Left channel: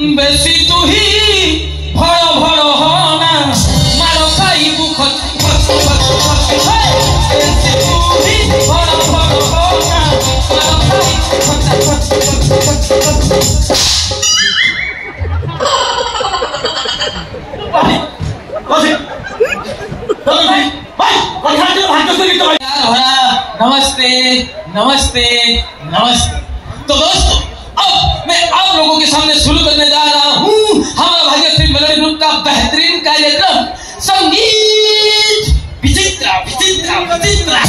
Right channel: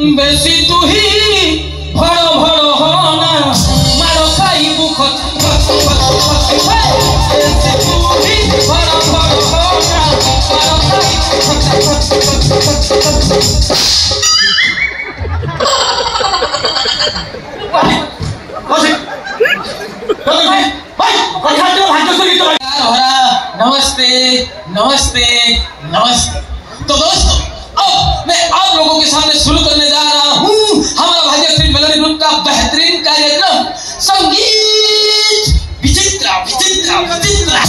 बेसी तू ही भड़ भड़ होना मारो खाई बुख बेसी तू ही भड़ भड़ होना मारो खाई नमस्ते नमस्ते नमस्ते। तो दोस्तों अब मैं आप लोगों के सामने शुरू करने जा रहा हूँ हमारा भाग्यश्री मेलोडी ग्रुप का बेहतरीन कार्यक्रम संगीत विचित्रा विचित्रा विचित्रा।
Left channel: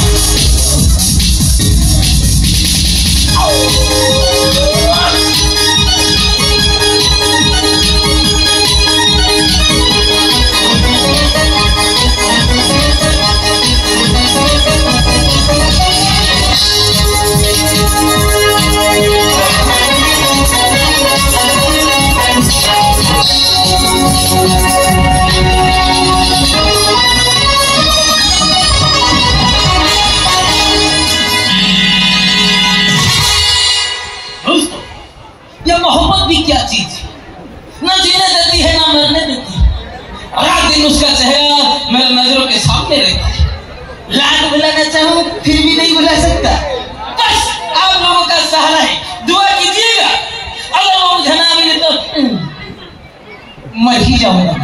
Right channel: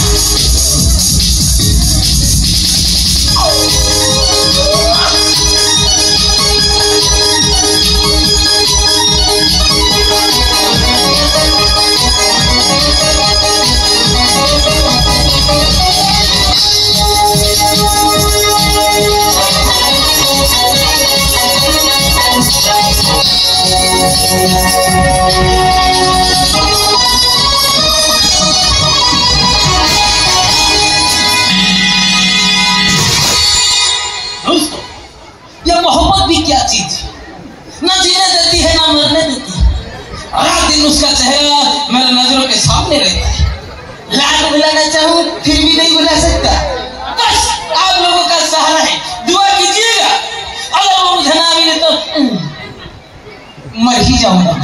मोहब्बत भी क्या चीज है, ना जीने देती है ना मरने देती है। रात दिन उसका चेहरा मेरे नजरों के सामने रहता है। लाख बुलाना चाहूं फिर भी नहीं बुला सकता। बस आप लोगों का सहारा है, दुआ कीजिएगा। अगर वो मुझे ना मिले तो मर ही जाऊंगा।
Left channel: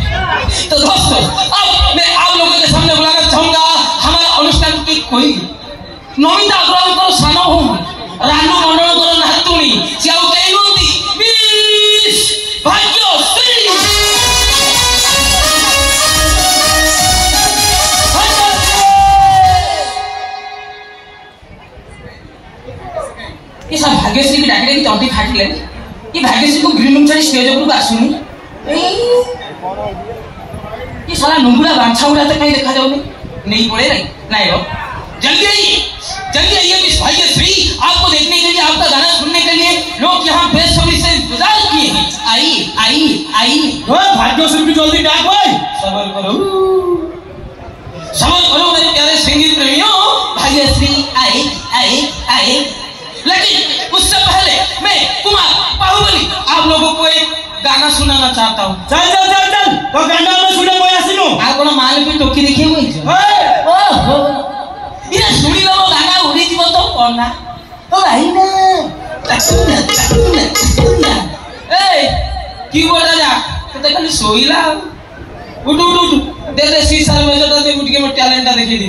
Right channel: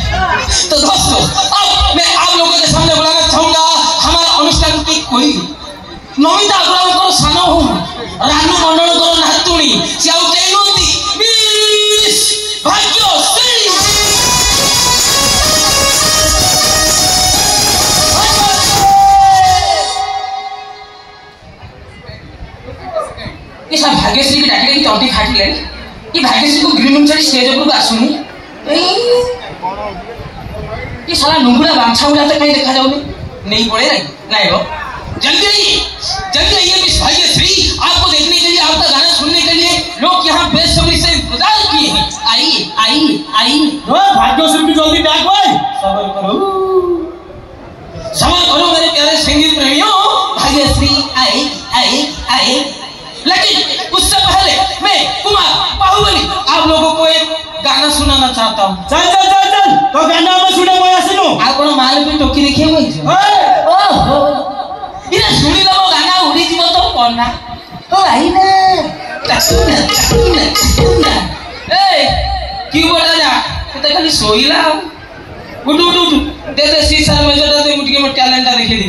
तो दोस्तों अब मैं आप लोगों के सामने बुलाना चाहूंगा हमारा अनुष्ठान की कोई नमिता अग्रवाल को सानो हूं रानू मंडल को नातुणी सियाउ तेनुती मिस भाग्यश्री। ये सब भाग्यश्री की डाटी की चौंटी खाटी ले ये भाग्यश्री को ग्रीन रूम से स्टेज ऊपर आसुनी ये साला नुंगुड़ा बांछा उड़ा तो कहीं देखा जाऊनी नहीं पड़े नहीं हो। जल्दी आइए मिस भाग्यश्री, आपको देखने के लिए आपका गाना सुनने के लिए लोग यहाँ बेसब्री से इंतजार किए हैं। आइए भाग्यश्री की जल्दी डाक भाई सबर करो मेरे प्यारे संगीत प्रेमियों। भाग्यश्री आए लेकिन उससे पहले मैं कुमार बाहुबली आप लोगों को एक गाना सुनाना चाहता हूँ। चल तो गाना में सुने आप माल पे टोकी देखे हुए ये सुनी लो गाना उड़ी जीव तो करना ओ भाई ना कीबोर्ड जा तो खाली सोईला उठ दे शीशा में जो दे मुटके में टैलेंट देखे दी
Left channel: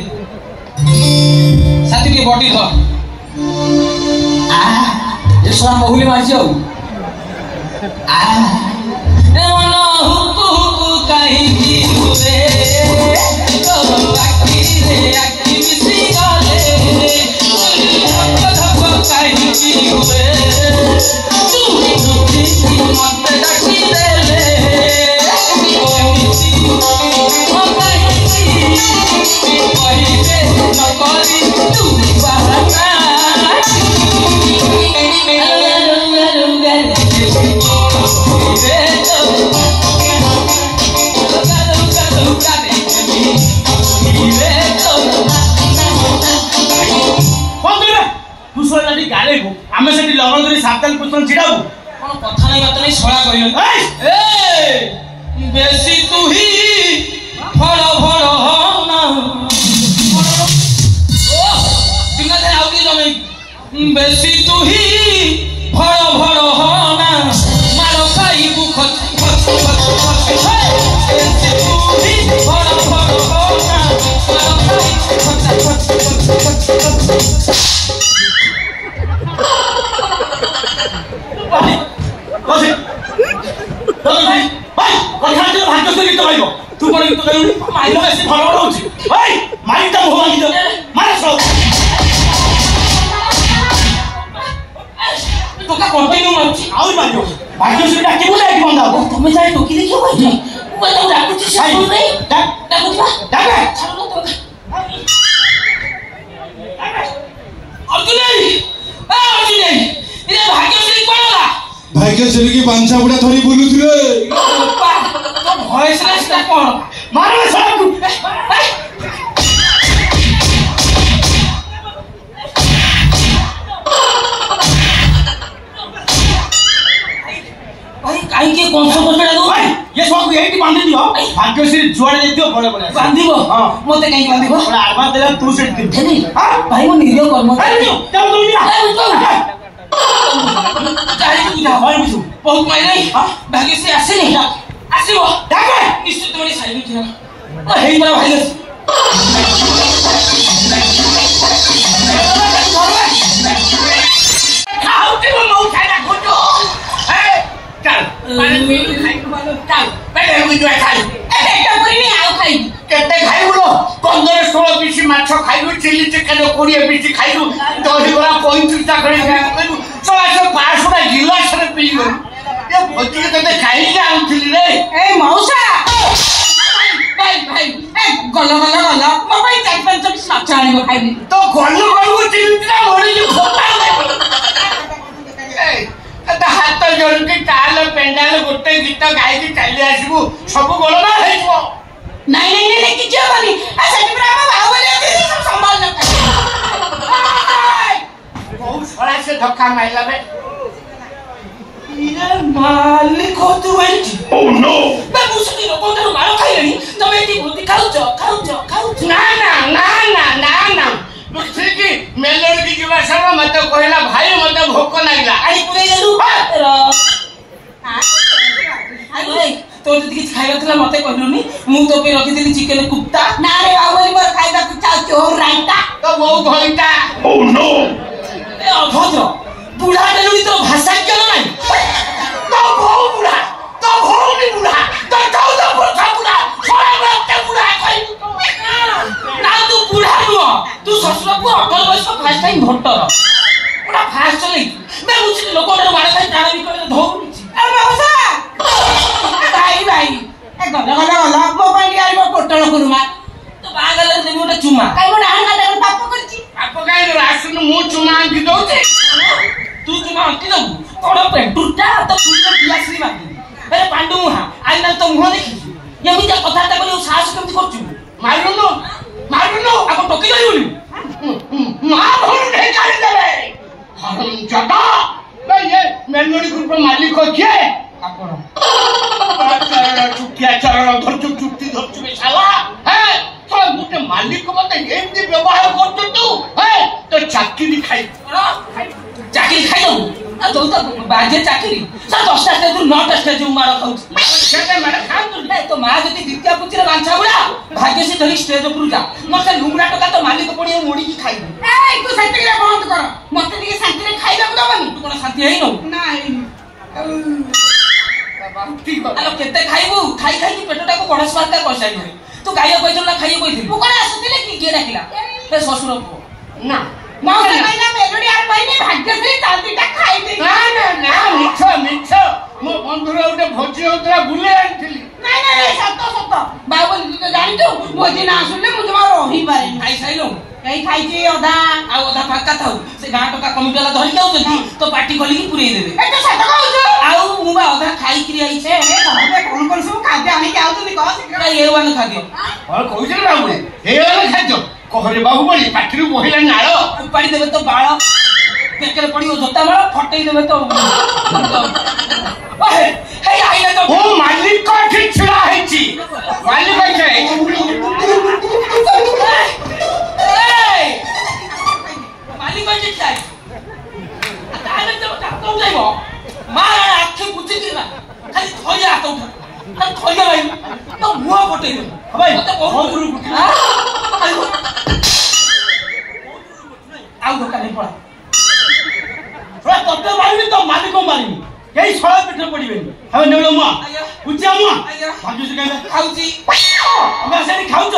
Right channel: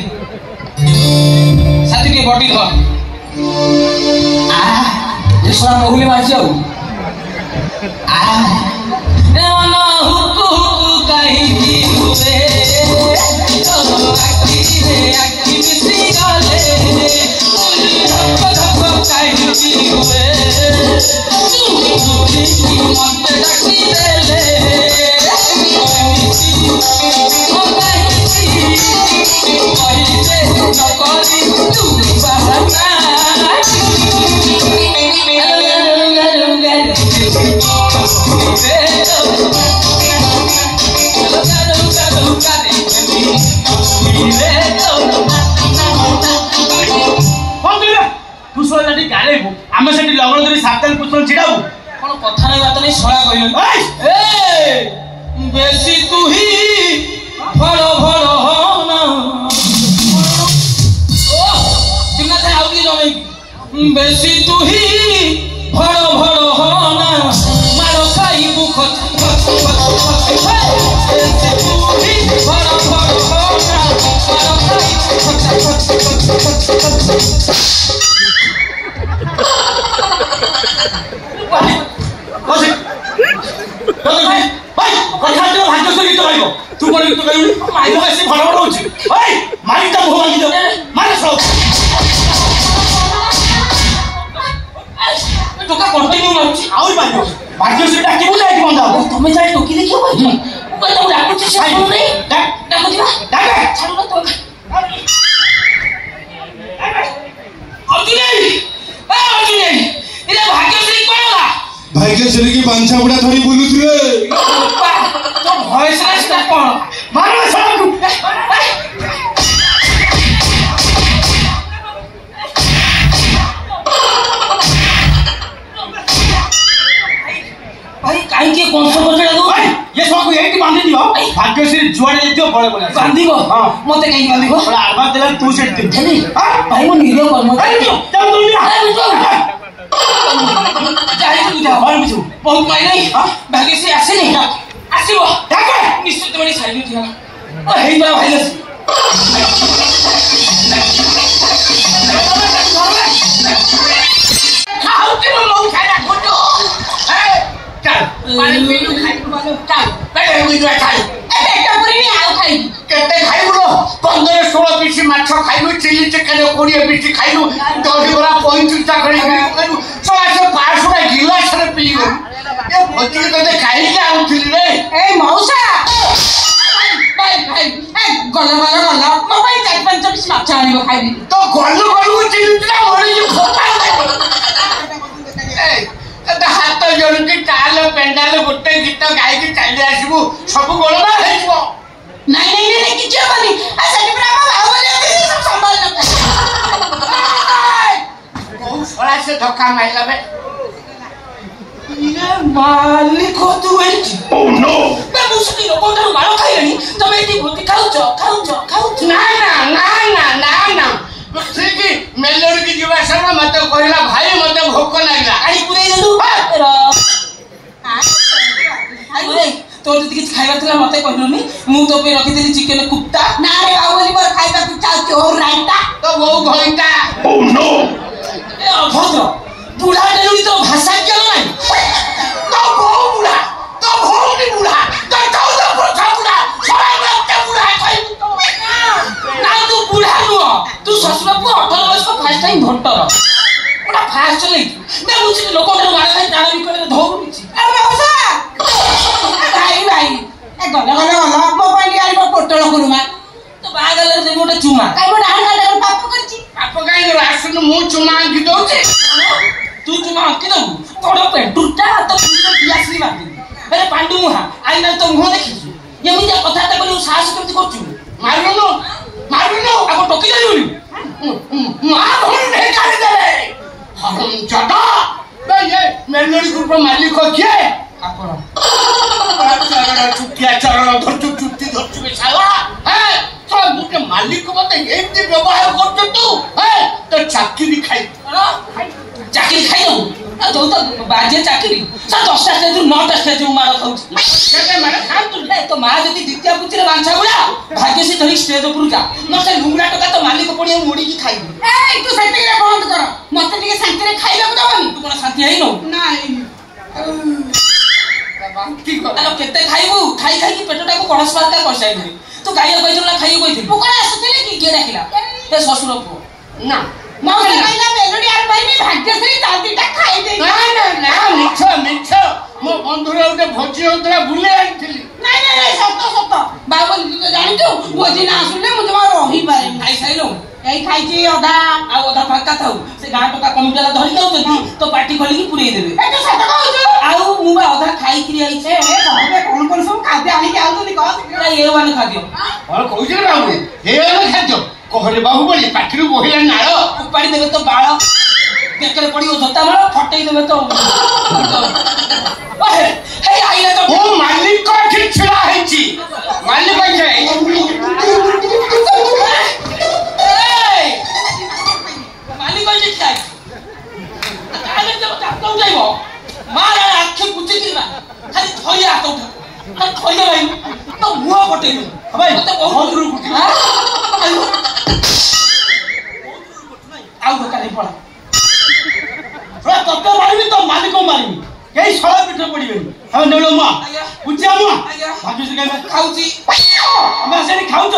साथी के बॉडी हो ये सारा मोहली मार जाओ ए वाला हुकु कहीं की हुए तो आकी मिसी गाले कहीं की हुए तू मत डकी दे ले ओ कहीं दे न करी तू बहाना आमे से लगन करी साप्ताहिक पुष्पन छिड़ाबू कोन कथा नहीं बात नहीं सोया कहियो ए बेसी तू ही भड़ भड़ होना ओ बिना थे आउ की जने बेसी तू ही भड़ भड़ होना मारो खाई बुख बेसी तू ही भड़ भड़ होना मारो खाई भाग्यश्री तो भाई तू बड़े तो कहीं माइल ऐसे भड़बड़ होची भाई माइल तो भो मांगी दो मारे सब तो का कंटिन्यू मारची और मारियो भाग्यश्री डाके बोले कि बंदा तुम्हें जाए टोकी देखियो भाई मैं तो डाकू से सुन रे डाकू दिबा डाके छाड़ो तो अर्जुन इरे भाग्यश्री कोला भाग्यश्री की पांचा बुढ़ा थोड़ी बोलू रे तो वॉइस रेस का कौन मारो सब भाई काई के बड़े बड़े बांधिबो हां मते कहीं बांधिबो आडवा देला तू सेट दे हेनी भाई मो निरो कर्म जाओ बहुत मारे भाग्य से आसे नहीं आसीबो डाको निश्चित बड़ी साइड थियो हेई बा भाई खाऊ के मौ खाइला खोजो चल पानी पीलू खाई मानो चल पेट में जो खाई एकटा पूरी आउ खाई केते खाइबो 15 16 पीस माछ खाइलु चिली चिकन 20 पीस खाइलु दही बड़ा 35 टा खड़ी खाइलु 500 टा गिलास रे पीलु ये भोजी के ते खाई के आउथिली रे ए मौसा भाई भाई ए गला मोबाइल 4-5 पीस माछ आनिबो खाइबी तो गल्लु चिली टा मोरी ए हाथ जोड़ काल पेंडाल गोटे गीत गाई चली आसबू सब गोलमा नहीं कि से धक्का मारला मालिक तू मार खाइले तुम ये खाऊ ना ठीक मेलोडी की जीवा शर्मा मत कहला भाई मत भोक लागला आड़ी पुरै देलु तो किसी खाइबा थला मते कहलुनी मु तो पे रखी देली चिकन कुप्ता ना रे बाबली मोर खाइबा तू चाहती हो राइता तो वो घंटा ओ नो ए अभद्र बुढ़ा देलु तो भाषा के नहीं तो वो बुढ़ा तो भी बुढ़ा तो 14 वर्ष बुढ़ा छोरा मत बुढ़ा खाइ ना तू बुढ़ा नु तू ससुर को 18 वर्ष फर्स्ट टाइम भट्टर ओटा फास्ट चले मैं मुझे लोक मार खाइ जाना भी करे धौनी अरे होसा भाई ए गला मोबाइल यार को पोटल करूमा तो बागल रे मोटा चुमा काई मोटा हां गाडा पाप करछि पाप काई रे आसुन मु चुमा की दउछे तू चुमा की दउ तोड़ पेटुटा तो पूरा पियासरी बाकी अरे पांडु मुहा आई ना तो मुह देखि यमिजा कथाटा बोले साहस केमति करछु मारनु आको टोकी जाइबोली मार भोर नहीं काढी देले हम जटा ये मेलोडी ग्रुप मालिक किए आपण चरण चुक्ति धरछु बेसाला है तो मुके मालिक मते एमती व्यवहार करछ तू है तो चाकरी खाई दो तो बाजे चाकरी सा 10 टा तू 9 टा स्टेज मार खाऊ सेटे मार खाऊ तू तो मा जति दित्या पुचरे बांछा बुला भाग्य से धरी स्टेज ऊपर जा न से लुंगड़ा टका तो मालिक पड़ी मुड़ी की खाई ए तू शांति रे बंद कर मते टिके शांति रे खाइबा को दबनी तू कोन शांति हेइ न नाही ठीक आलो केते खाइबू खाई की पेटटा को गणेश मारता करसाइ गरी तू गाइया कइथल ना खाइए कइथल मु कोन आसुतिले की के डाकिला ए ससुर को ना माने कहला मेलोडी आर पाइनी भाग्यश्री तालदीटा खाइ दे ना मिछ मो बंधुरा उते भोजी होतरा बुले आइथिली नहीं सत्य बाबू तो जानि तू भोजी ना आसुले मु जमा रही पारे खाइ साइलो कई खाइची अधा आ अधा फाका थाउ से गां टका कमिटला धरि जाउछन तो पार्टी खोली की पुरै देबे ए तो सत कहउछ आउ मु बा अधा खाइ क्रिया इछे ए कहबे कोन सब खाद्य आनी के आउतनी कह ए वाला खाद्य और कहउछ ना बाबू ए वाला खाद्य कहरे बाबू बोली पाठिरु बोहिला नाळ उपाड़ी देबे तो बाळ पेकरे पड़ियो धत्ता मार फटई देबे तो ओए हे आइला तो ओ मालिक को ठीक छिड़ा हैची मालिक बैठे मालिक बैठे खाइ ताले तो काटौ जाइबो मार आखि कुची दिना खाली थइया आतो उठा थइया भाई तो मुआ फटई दे भाई तो बहुत दूर उठा आइबो आउ काले पड़ा तब मारिबी तो मालिक को मारिबी यही सळा पिठ पड़िबेनी हम नेलो मा बुझिया मा भाजु से कहबे खाउची हम सेठी खाउछ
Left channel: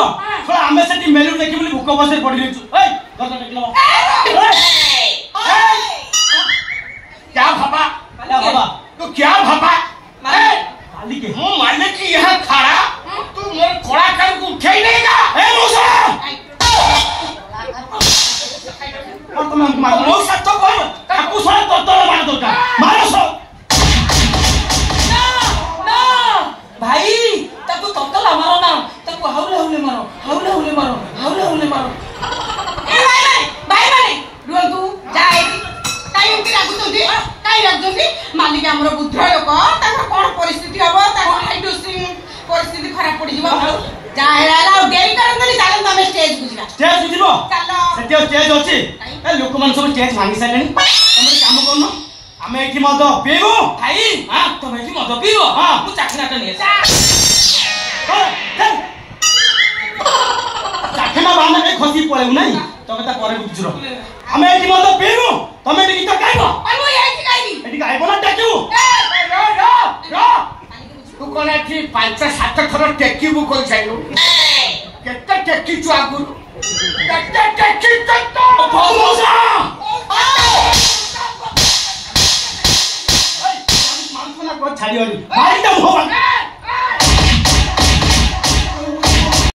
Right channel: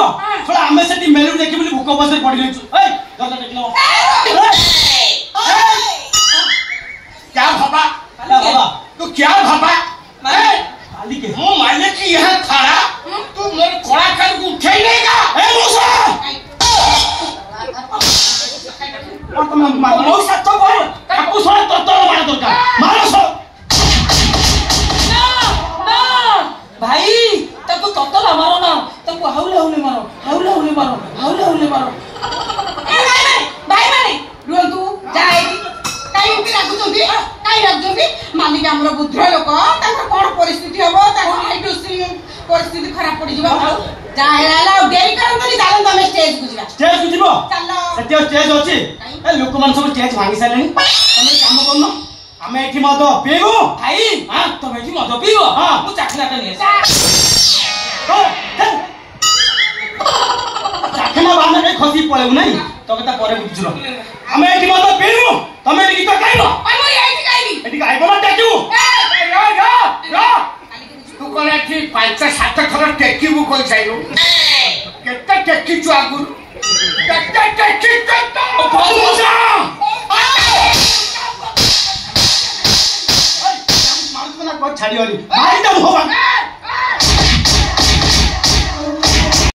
थोड़ा हम सेठी मेलोडी देखि बोली भूख बसे पड़ी गइछु ए दस टेकलो क्या भाबा तू क्या भाबा मालिक हो मालिक की यहां खड़ा तू मोर कोड़ा कर को उठे नहींगा ए मुसा तुम मो सत्य बोल आपको सोना तत्तर मार दो मारो सो ना भाई ताको तत्तर मारो ना ताको हाउले मारो ए भाई माने रुआ तू जाए काई उठी लागु तुंदी काई लागुंदी मालिक हमर बुद्ध लोक ताको कोन परिस्थिति हबो ताको हाइड्रोसिन परिस्थिति खराब पड़ी जीवा चाहे आला डेरी करन चलन तमे स्टेज को जिबा स्टेज को जिबो चलो सत्य स्टेज अछि ए लोक मन सब स्टेज भांगी सालेनी तमे काम करनो आमे एठी मद पीबो भाई हां तमे एठी मद पीबो हां मु चाखनाटा ने चाखना बाना के खसी पळेउ नाही तो कथा परे बुझुरो आमे एठी मद पीबो तमे एठी गीत गाइबो आइ मु एठी गाइबी एठी गाइबो ना टेकू रा तू कोना ठीक 5-7 थर टेकीबू कोइ जाइलो केते टेकी छु आगु केते टेकी कतो भौसा मार को ना को छाड़ी होली मारी दम होबा